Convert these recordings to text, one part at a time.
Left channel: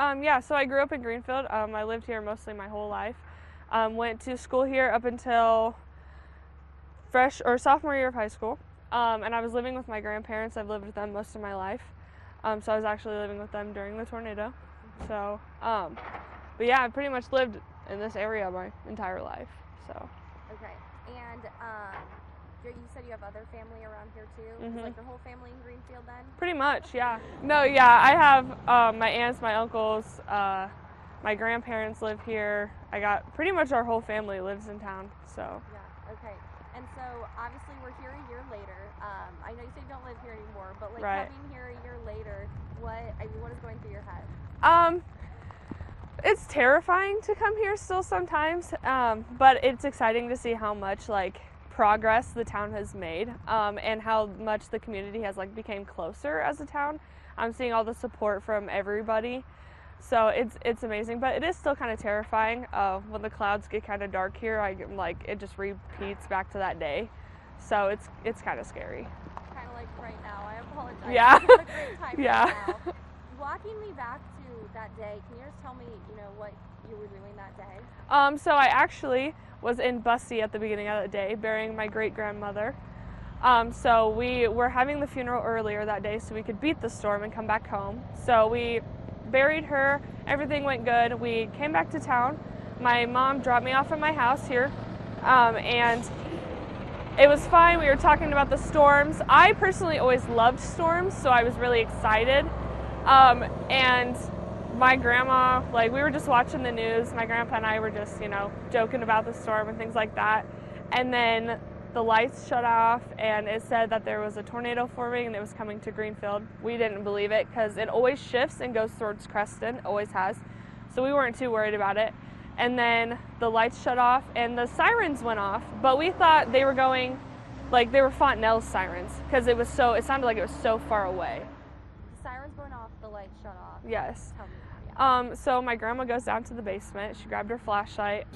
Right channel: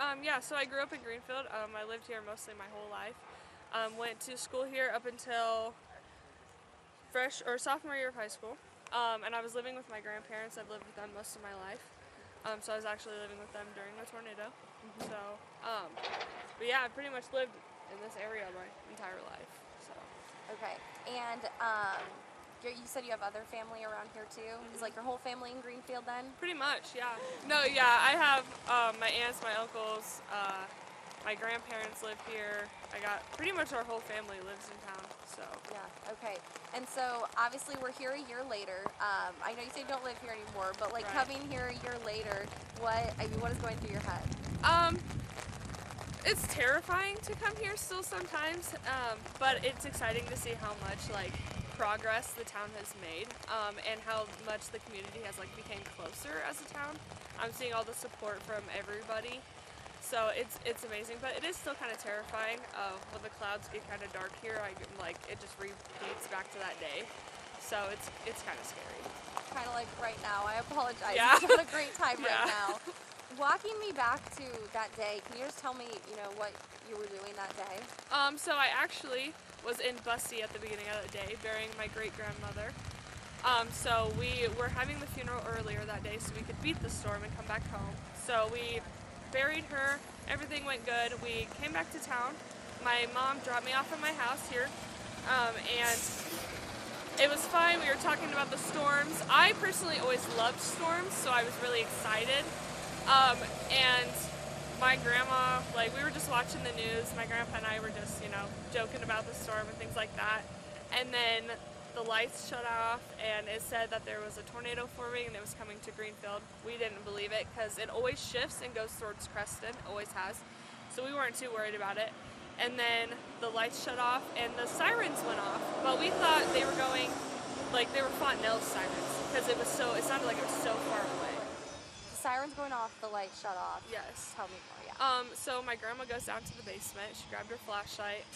Yeah, so I grew up in Greenfield. I lived here mostly my whole life. Went to school here up until sophomore year of high school. And I was living with my grandparents. I've lived with them most of my life. So I was actually living with them during the tornado. So, but yeah, I pretty much lived in this area my entire life. So. Okay. And you said you have other family around here too? Is like your whole family in Greenfield then? Pretty much, yeah. No, yeah, I have my aunts, my uncles, my grandparents live here. I got pretty much our whole family lives in town. So. Yeah. Okay. And so obviously we're here a year later. I know you said you don't live here anymore, but like Right. coming here a year later, what is going through your head? It's terrifying to come here still sometimes, but it's exciting to see how much like progress the town has made, and how much the community has like became closer as a town. I'm seeing all the support from everybody, so it's amazing. But it is still kind of terrifying when the clouds get kind of dark here. It just repeats back to that day, so it's kind of scary. Kind of like right now. I apologize. Yeah. It's not a great time Yeah. right now. Walking me back to that day, can you just tell me, what you were doing that day? So I actually was in Bussy at the beginning of the day, burying my great-grandmother. So we were having the funeral earlier that day so we could beat the storm and come back home. So we buried her, everything went good. We came back to town. My mom dropped me off at my house here, and it was fine. We were talking about the storms. I personally always loved storms, so I was really excited. And my grandma, we were just watching the news. My grandpa and I were just, joking about the storm and things like that. And then the lights shut off, and it said that there was a tornado forming and it was coming to Greenfield. We didn't believe it because it always shifts and goes towards Creston, always has. So we weren't too worried about it. And then the lights shut off and the sirens went off, but we thought they were going, they were Fontenelle's sirens because it sounded like it was so far away. The sirens going off, the lights shut off. Yes. Tell me more, yeah. So my grandma goes down to the basement. She grabbed her flashlight.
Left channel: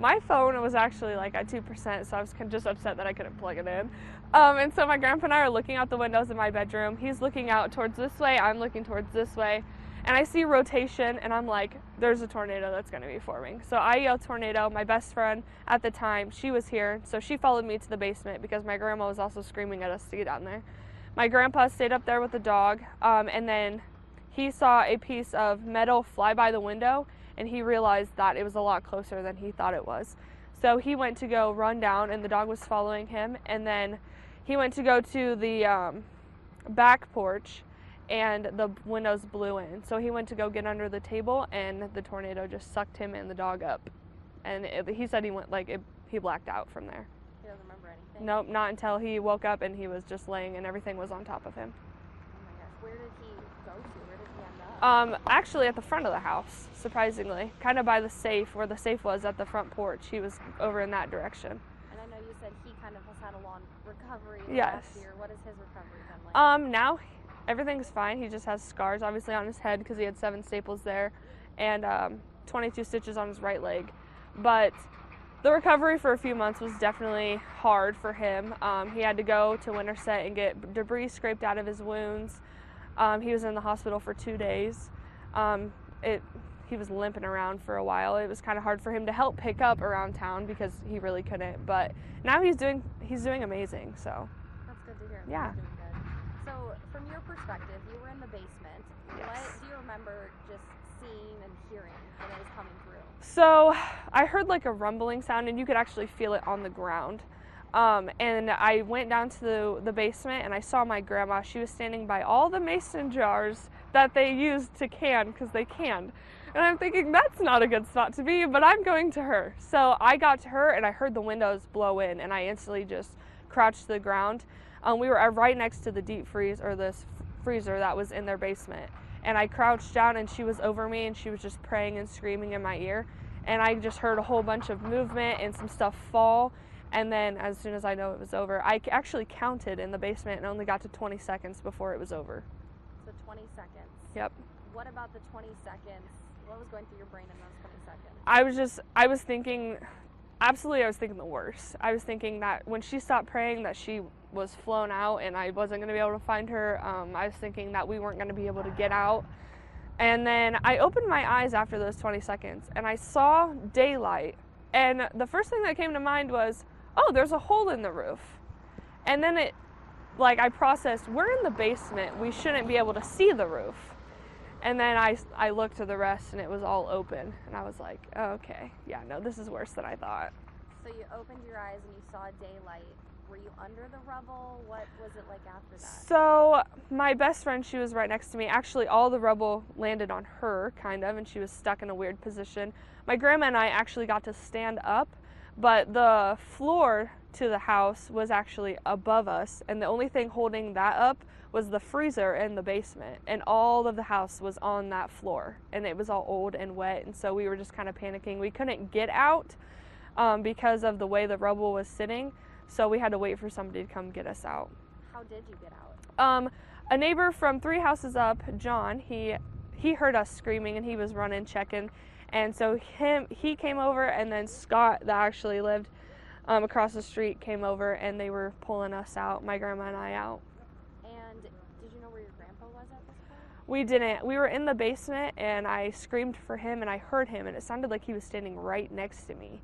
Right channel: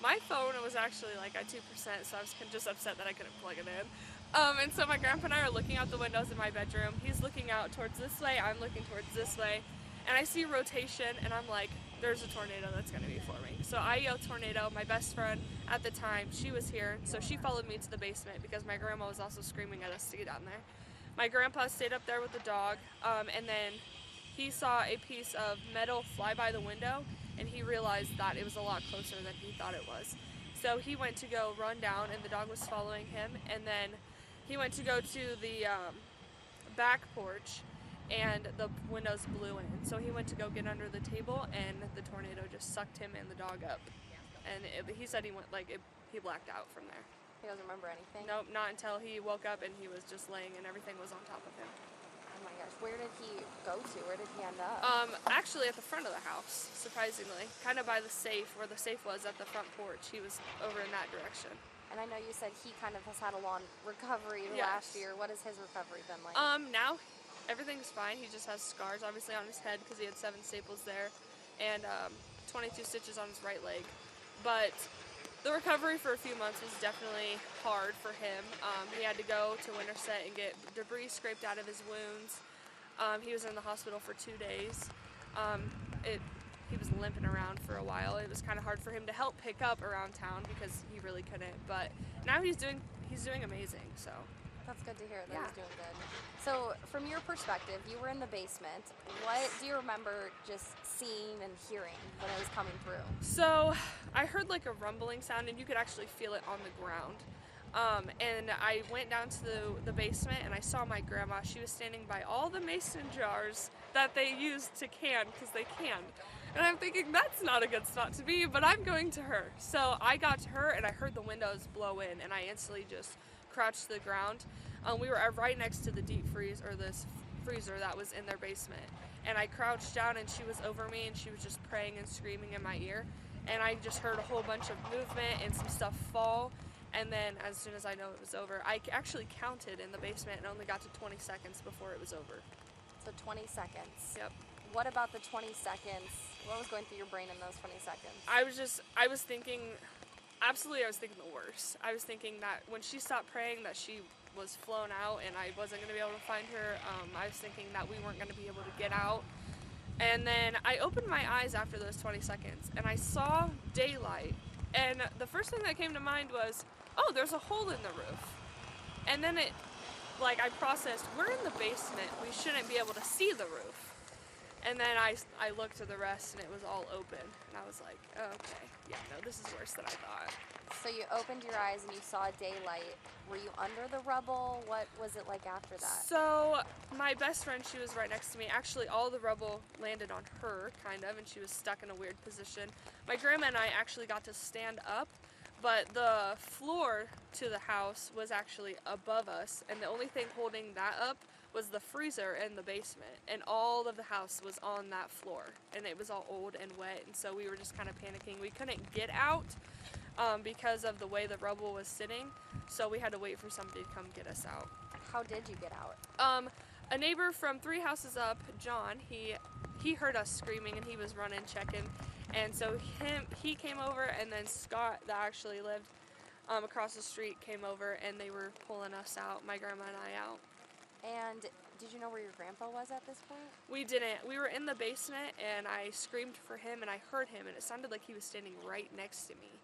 My phone was actually at 2%, so I was just upset that I couldn't plug it in. And so my grandpa and I are looking out the windows in my bedroom. He's looking out towards this way. I'm looking towards this way. And I see rotation, and I'm like, there's a tornado that's going to be forming. So I yell tornado. My best friend at the time, she was here, so she followed me to the basement because my grandma was also screaming at us to get down there. My grandpa stayed up there with the dog, and then he saw a piece of metal fly by the window, and he realized that it was a lot closer than he thought it was. So he went to go run down, and the dog was following him, and then he went to go to the back porch, and the windows blew in. So he went to go get under the table, and the tornado just sucked him and the dog up. And he said he blacked out from there. He doesn't remember anything? Nope, not until he woke up and he was just laying and everything was on top of him. Oh my gosh, where did he go to? Where did he end up? Actually at the front of the house, surprisingly. Kind of by the safe, where the safe was at the front porch. He was over in that direction. And I know you said he kind of has had a long recovery Yes. last year. What has his recovery been like? Now everything's fine. He just has scars obviously on his head because he had 7 staples there and 22 stitches on his right leg. But the recovery for a few months was definitely hard for him. He had to go to Winterset and get debris scraped out of his wounds. He was in the hospital for 2 days. He was limping around for a while. It was kind of hard for him to help pick up around town because he really couldn't. But now he's doing amazing. So That's good to hear. That Yeah. he's doing good. So from your perspective, you were in the basement. What do you remember just seeing and hearing when it was coming through? So I heard a rumbling sound, and you could actually feel it on the ground. And I went down to the basement, and I saw my grandma. She was standing by all the mason jars that they used to can, because they canned. And I'm thinking, that's not a good spot to be, but I'm going to her. So I got to her, and I heard the windows blow in, and I instantly just crouched to the ground. We were right next to the deep freeze, or this freezer that was in their basement. And I crouched down, and she was over me, and she was just praying and screaming in my ear. And I just heard a whole bunch of movement and some stuff fall. And then as soon as I know it was over, I actually counted in the basement and only got to 20 seconds before it was over. So 20 seconds. Yep. What about the 20 seconds? What was going through your brain in those 20 seconds? I was thinking the worst. I was thinking that when she stopped praying that she was flown out and I wasn't going to be able to find her. I was thinking that we weren't going to be able to get out. And then I opened my eyes after those 20 seconds and I saw daylight. And the first thing that came to mind was, oh, there's a hole in the roof. And then I processed, we're in the basement. We shouldn't be able to see the roof. And then I looked to the rest and it was all open. And I was like, oh, okay, yeah, no, this is worse than I thought. So you opened your eyes and you saw daylight. Were you under the rubble? What was it like after that? So my best friend, she was right next to me. Actually, all the rubble landed on her, kind of, and she was stuck in a weird position. My grandma and I actually got to stand up, but the floor to the house was actually above us, and the only thing holding that up was the freezer in the basement, and all of the house was on that floor, and it was all old and wet, and so we were just kind of panicking. We couldn't get out because of the way the rubble was sitting, so we had to wait for somebody to come get us out. How did you get out? A neighbor from 3 houses up, John, he heard us screaming and he was running, checking, and so he came over, and then Scott, that actually lived across the street, came over, and they were pulling us out, my grandma and I out. And did you know where your grandpa was at this point? We didn't. We were in the basement, and I screamed for him, and I heard him, and it sounded like he was standing right next to me.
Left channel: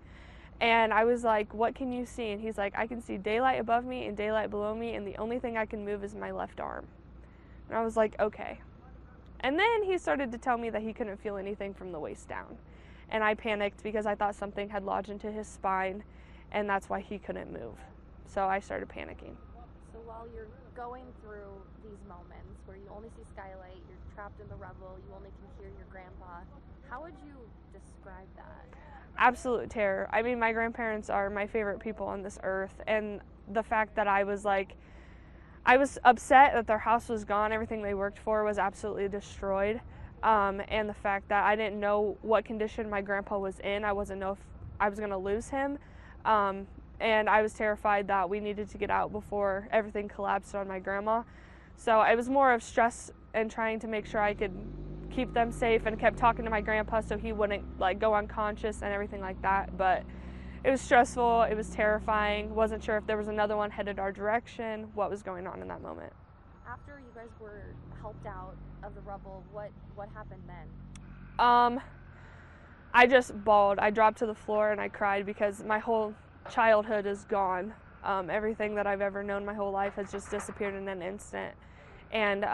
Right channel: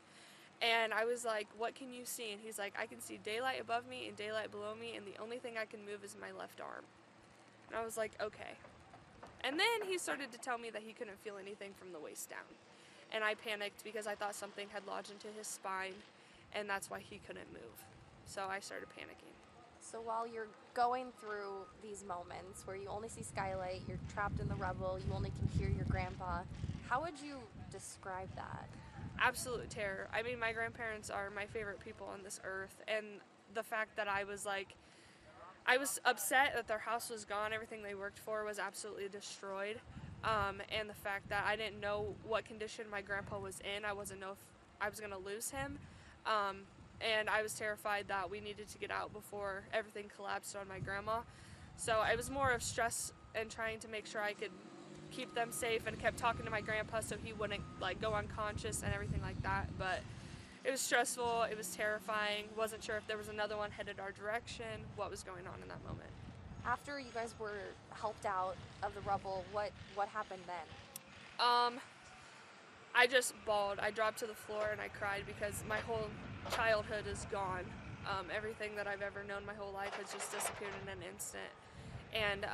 And I was like, what can you see? And he's like, I can see daylight above me and daylight below me, and the only thing I can move is my left arm. And I was like, okay. And then he started to tell me that he couldn't feel anything from the waist down. And I panicked because I thought something had lodged into his spine, and that's why he couldn't move. So I started panicking. So while you're going through these moments where you only see skylight, you're trapped in the rubble, you only can hear your grandpa, how would you describe that? Absolute terror. I mean, my grandparents are my favorite people on this earth, and the fact that I was upset that their house was gone, everything they worked for was absolutely destroyed, and the fact that I didn't know what condition my grandpa was in. I wasn't know if I was going to lose him, and I was terrified that we needed to get out before everything collapsed on my grandma. So it was more of stress and trying to make sure I could keep them safe, and kept talking to my grandpa so he wouldn't go unconscious and everything like that. But it was stressful, it was terrifying, wasn't sure if there was another one headed our direction, what was going on in that moment. After you guys were helped out of the rubble, what happened then? I just bawled. I dropped to the floor and I cried because my whole childhood is gone. Everything that I've ever known my whole life has just disappeared in an instant. And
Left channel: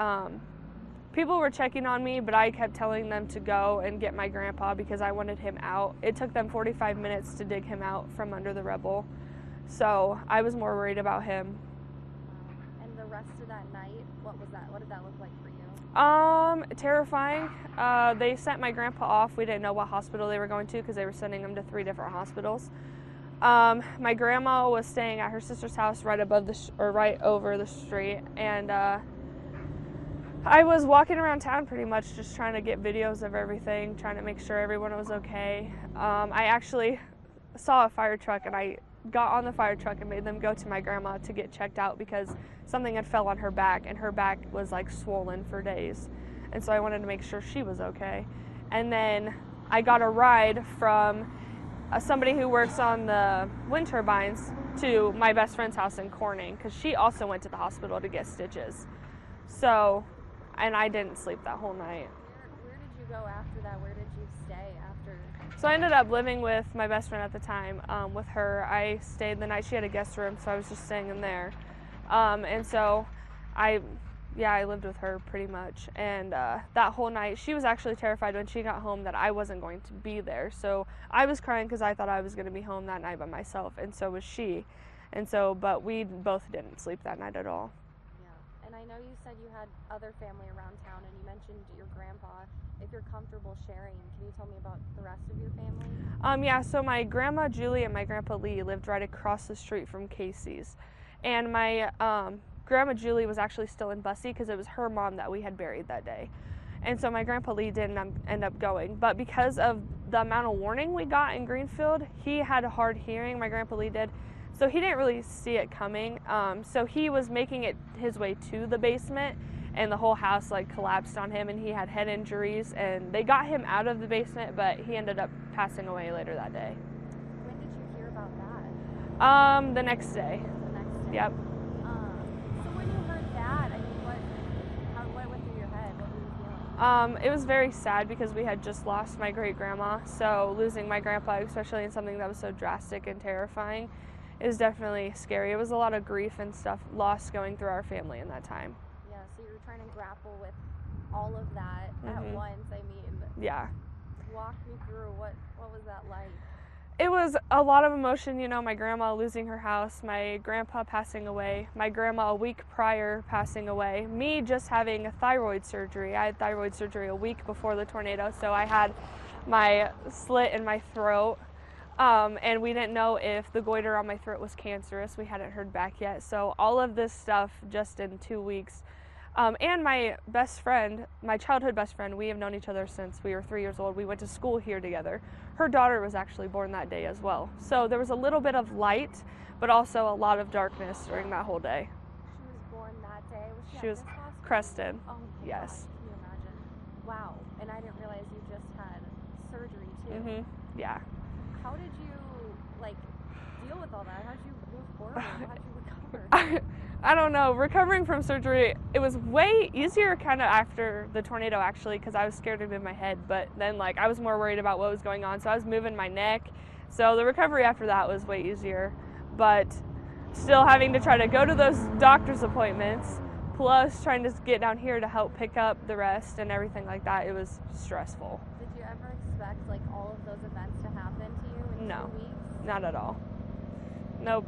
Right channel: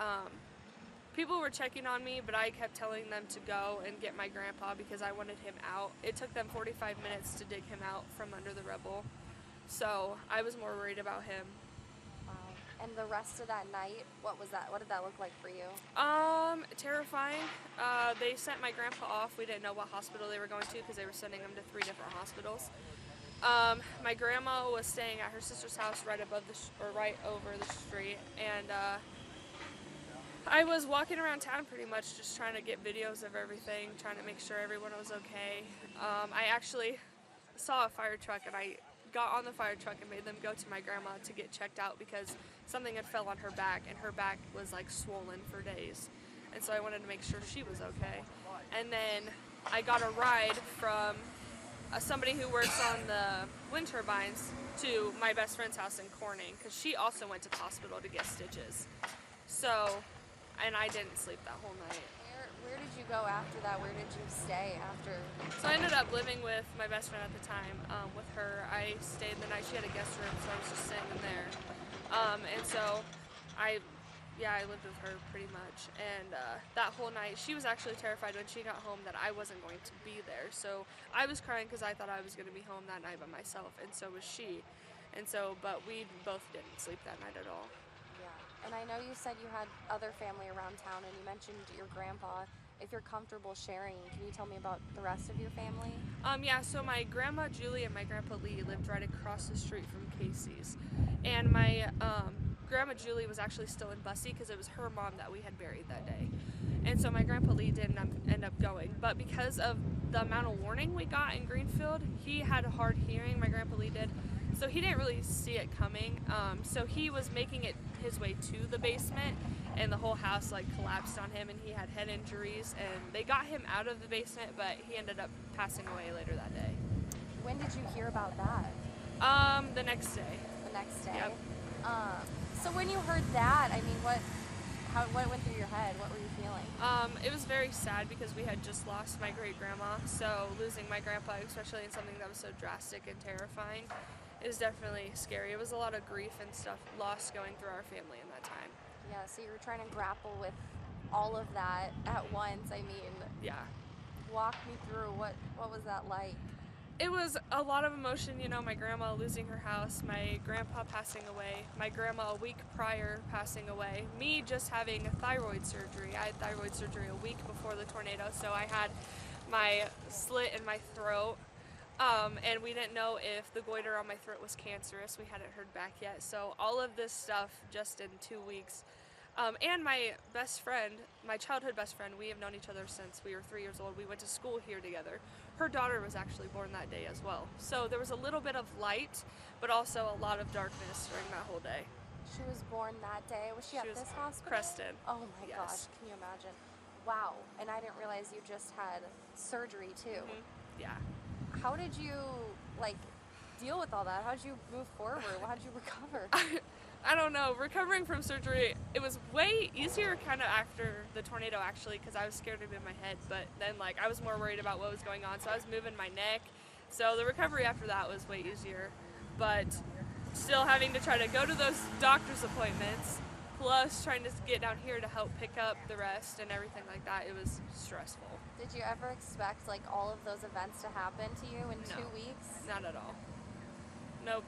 people were checking on me, but I kept telling them to go and get my grandpa because I wanted him out. It took them 45 minutes to dig him out from under the rubble, so I was more worried about him. And the rest of that night, what was that? What did that look like for you? Terrifying. They sent my grandpa off. We didn't know what hospital they were going to because they were sending him to 3 different hospitals. My grandma was staying at her sister's house right over the street, and I was walking around town pretty much just trying to get videos of everything, trying to make sure everyone was okay. I actually saw a fire truck, and I got on the fire truck and made them go to my grandma to get checked out because something had fell on her back, and her back was swollen for days. And so I wanted to make sure she was okay. And then I got a ride from somebody who works on the wind turbines to my best friend's house in Corning because she also went to the hospital to get stitches. So, and I didn't sleep that whole night. Where did you go after that? Where did you stay after? So I ended up living with my best friend at the time. With her, I stayed the night. She had a guest room, so I was just staying in there. And so I lived with her pretty much. And that whole night, she was actually terrified when she got home that I wasn't going to be there. So I was crying because I thought I was going to be home that night by myself, and so was she. And so, but we both didn't sleep that night at all. And I know you said you had other family around town, and you mentioned your grandpa. If you're comfortable sharing, can you tell me about the rest of your family? Yeah, so my grandma Julie and my grandpa Lee lived right across the street from Casey's. And my grandma Julie was actually still in Bussy because it was her mom that we had buried that day. And so my grandpa Lee didn't end up going. But because of the amount of warning we got in Greenfield, he had a hard hearing, my grandpa Lee did. So he didn't really see it coming. So he was making it his way to the basement, and the whole house collapsed on him, and he had head injuries, and they got him out of the basement, but he ended up passing away later that day. When did you hear about that? The next day. The next day? Yep. So when you heard that, I mean, what went through your head? What were you feeling? It was very sad because we had just lost my great grandma, so losing my grandpa, especially in something that was so drastic and terrifying, is definitely scary. It was a lot of grief and stuff lost going through our family in that time. Yeah, so you were trying to grapple with all of that at once. I mean, Yeah. walk me through what was that like? It was a lot of emotion, you know, my grandma losing her house, my grandpa passing away, my grandma a week prior passing away, me just having a thyroid surgery. I had thyroid surgery a week before the tornado, so I had my slit in my throat, and we didn't know if the goiter on my throat was cancerous. We hadn't heard back yet, so all of this stuff just in 2 weeks. And my best friend, my childhood best friend, we have known each other since we were 3 years old. We went to school here together. Her daughter was actually born that day as well. So there was a little bit of light, but also a lot of darkness during that whole day. She was born that day. Was she at was this hospital? Creston. Oh my Yes. gosh, can you imagine? Wow, and I didn't realize you just had surgery too. Yeah. How did you deal with all that? How did you move forward? How did you recover? I don't know. Recovering from surgery, it was way easier kind of after the tornado actually, because I was scared to move my head, but then I was more worried about what was going on, so I was moving my neck. So the recovery after that was way easier, but still having to try to go to those doctor's appointments, plus trying to get down here to help pick up the rest and everything like that, it was stressful. Did you ever expect all of those events to happen to you in 2 weeks? Not at all. Nope.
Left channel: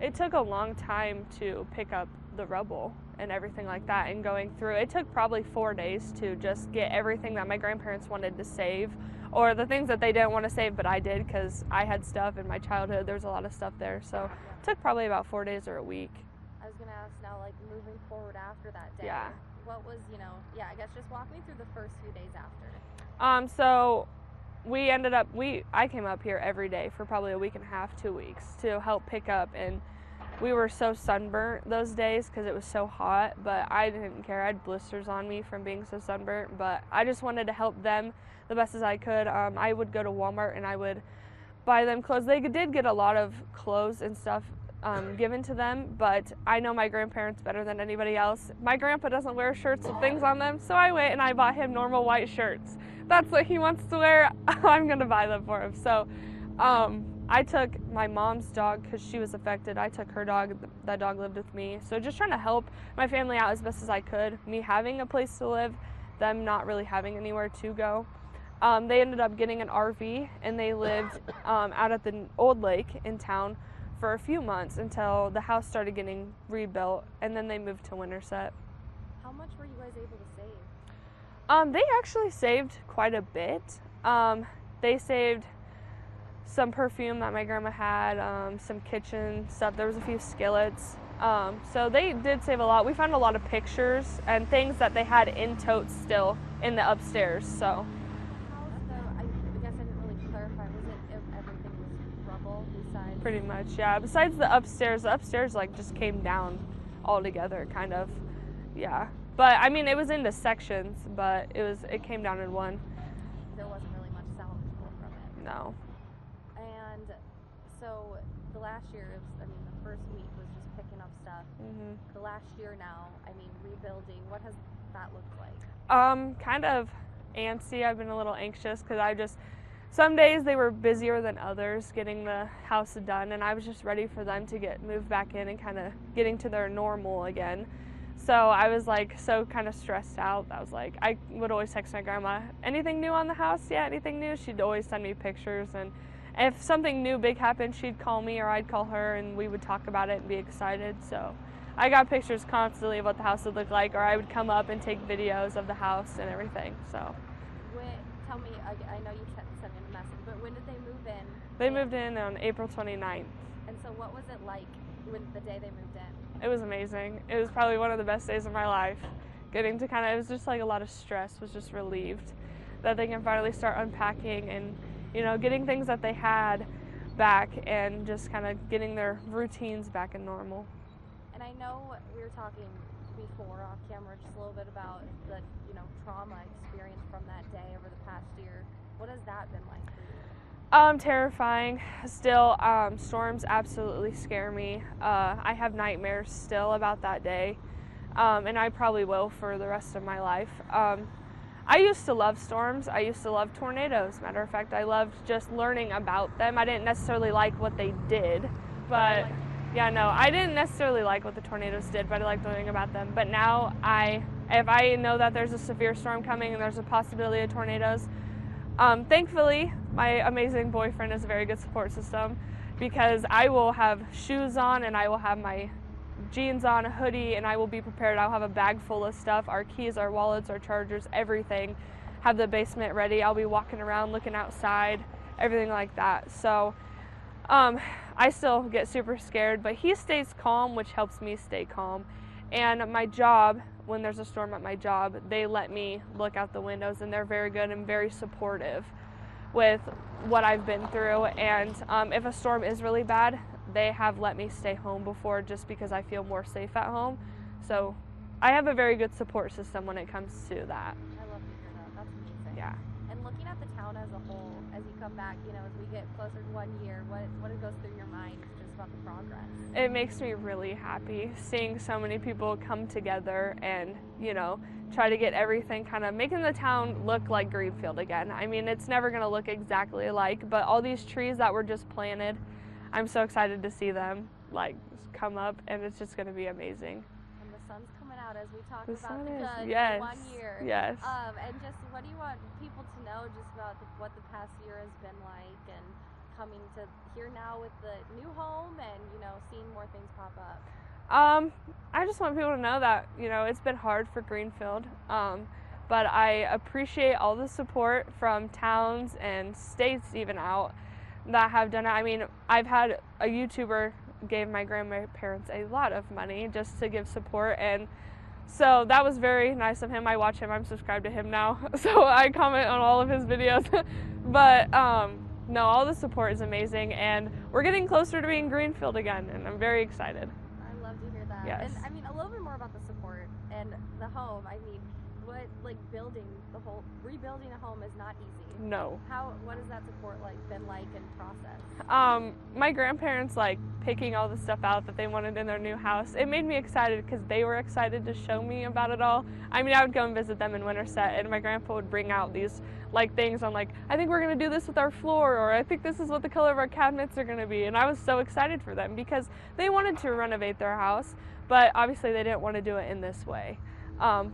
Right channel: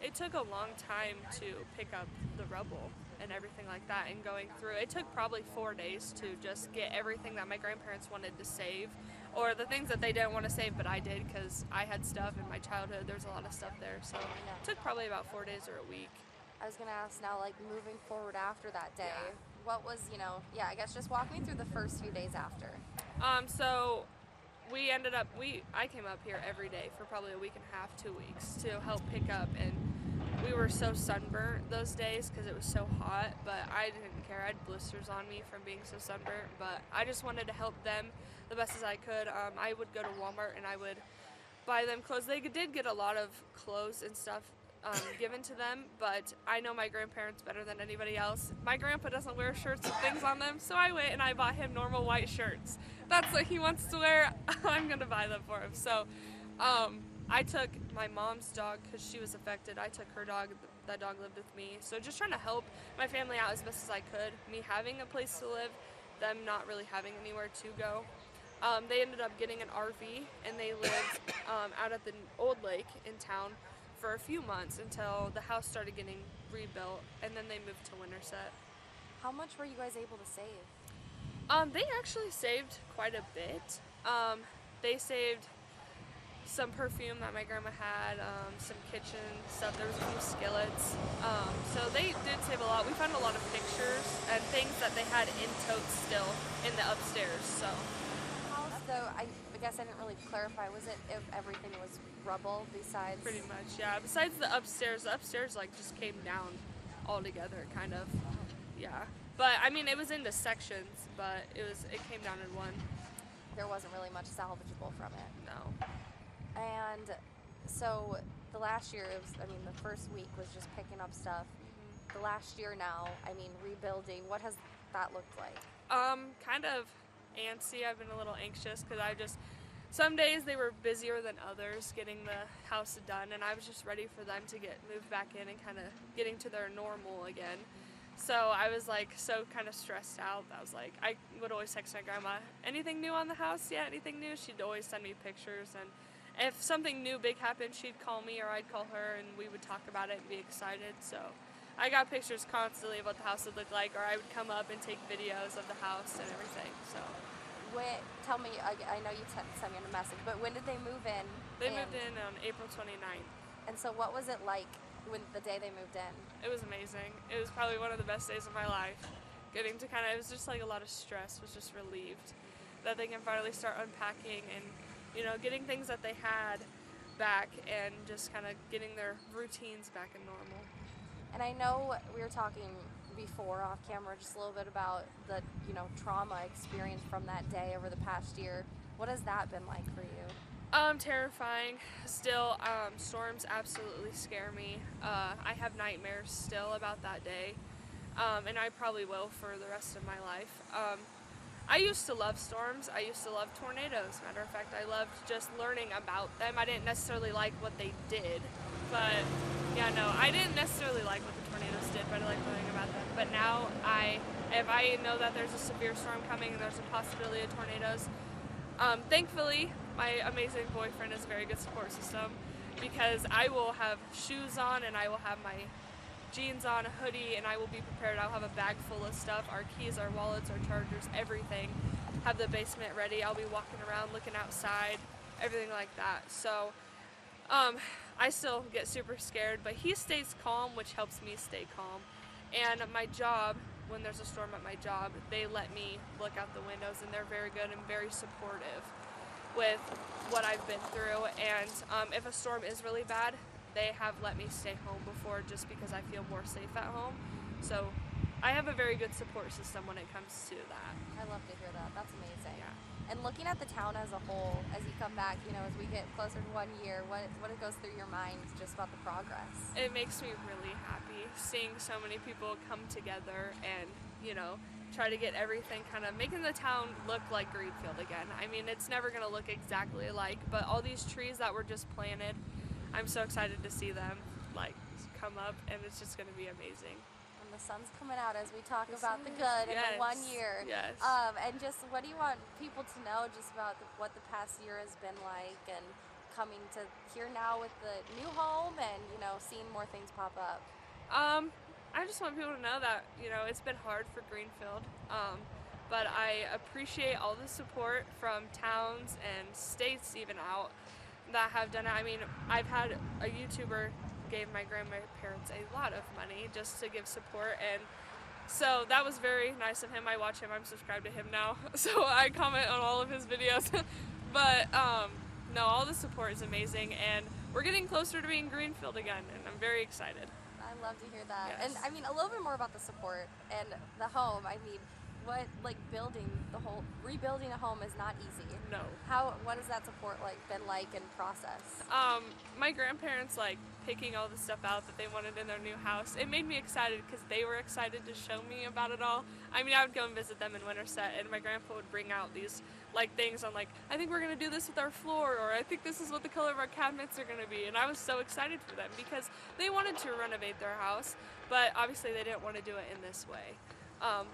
It took a long time to pick up the rubble and everything like that and going through. It took probably 4 days to just get everything that my grandparents wanted to save, or the things that they didn't want to save but I did because I had stuff in my childhood. There's a lot of stuff there. So it took probably about 4 days or a week. I was going to ask now, moving forward after that day, Yeah. what was, I guess just walk me through the first few days after. So we ended up, I came up here every day for probably a week and a half, 2 weeks to help pick up, and we were so sunburnt those days because it was so hot, but I didn't care. I had blisters on me from being so sunburnt, but I just wanted to help them the best as I could. I would go to Walmart and I would buy them clothes. They did get a lot of clothes and stuff given to them, but I know my grandparents better than anybody else. My grandpa doesn't wear shirts with things on them, so I went and I bought him normal white shirts. That's what he wants to wear. I'm gonna buy them for him. So I took my mom's dog because she was affected. I took her dog. That dog lived with me. So just trying to help my family out as best as I could. Me having a place to live, them not really having anywhere to go. They ended up getting an RV and they lived out at the old lake in town for a few months until the house started getting rebuilt, and then they moved to Winterset. How much were you guys able to save? They actually saved quite a bit. They saved some perfume that my grandma had, some kitchen stuff. There was a few skillets. So they did save a lot. We found a lot of pictures and things that they had in totes still in the upstairs. So. House, though, I guess I didn't really clarify. Was it if everything was rubble besides? Pretty much, yeah. Besides the upstairs just came down altogether, kind of. Yeah. But I mean, it was into sections, but it came down in one. There wasn't really much salvageable from it. No. And so the last year, the first week was just picking up stuff. The last year now, rebuilding. What has that looked like? Kind of antsy. I've been a little anxious because some days they were busier than others getting the house done, and I was just ready for them to get moved back in and kind of getting to their normal again. So I was so kind of stressed out. I would always text my grandma, anything new on the house? Yeah, anything new? She'd always send me pictures, and if something new big happened, she'd call me or I'd call her and we would talk about it and be excited. So I got pictures constantly of what the house would look like, or I would come up and take videos of the house and everything. So. Tell me, I know you sent me a message, but when did they move in? They moved in on April 29th. And so what was it like with the day they moved in? It was amazing. It was probably one of the best days of my life. Getting to it was just a lot of stress, was just relieved that they can finally start unpacking and, getting things that they had back and just kind of getting their routines back in normal. And I know we were talking before off camera just a little bit about the trauma experience from that day over the past year. What has that been like for you? Terrifying. Still, storms absolutely scare me. I have nightmares still about that day. and I probably will for the rest of my life. I used to love storms. I used to love tornadoes. Matter of fact, I loved just learning about them. I didn't necessarily like what they did, but yeah, no, I didn't necessarily like what the tornadoes did, but I like learning about them. But now if I know that there's a severe storm coming and there's a possibility of tornadoes, thankfully, my amazing boyfriend is a very good support system, because I will have shoes on and I will have my jeans on, a hoodie, and I will be prepared. I'll have a bag full of stuff, our keys, our wallets, our chargers, everything. Have the basement ready. I'll be walking around, looking outside, everything like that. So I still get super scared, but he stays calm, which helps me stay calm. And my job, when there's a storm at my job, they let me look out the windows, and they're very good and very supportive with what I've been through. And if a storm is really bad, they have let me stay home before, just because I feel more safe at home. So I have a very good support system when it comes to that. I love to hear that. That's amazing. Yeah. And looking at the town as a whole, as you come back, you know, as we get closer to 1 year, what goes through your mind just about the progress? It makes me really happy seeing so many people come together and, you know, try to get everything kind of making the town look like Greenfield again. I mean, it's never going to look exactly alike, but all these trees that were just planted, I'm so excited to see them like come up, and it's just going to be amazing. And the sun's coming out as we talk The about the sun good is. Yes. in 1 year. Yes. And just what do you want people to know just about what the past year has been like, and coming to here now with the new home and, you know, seeing more things pop up? I just want people to know that, you know, it's been hard for Greenfield, but I appreciate all the support from towns and states even out that have done it. I mean, I've had a YouTuber gave my grandparents a lot of money just to give support, and so that was very nice of him. I watch him, I'm subscribed to him now, so I comment on all of his videos. But no, all the support is amazing, and we're getting closer to being Greenfield again, and I'm very excited. I love to hear that. Yes. And I mean, a little bit more about the support and the home. I mean, rebuilding a home is not easy. No. What has that support been like in process? My grandparents picking all the stuff out that they wanted in their new house. It made me excited because they were excited to show me about it all. I mean, I would go and visit them in Winterset, and my grandpa would bring out these things on I think we're gonna do this with our floor, or I think this is what the color of our cabinets are gonna be. And I was so excited for them because they wanted to renovate their house, but obviously they didn't want to do it in this way.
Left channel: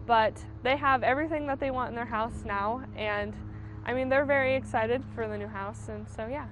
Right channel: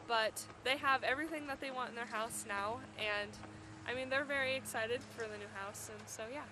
But they have everything that they want in their house now, and I mean, they're very excited for the new house, and so yeah.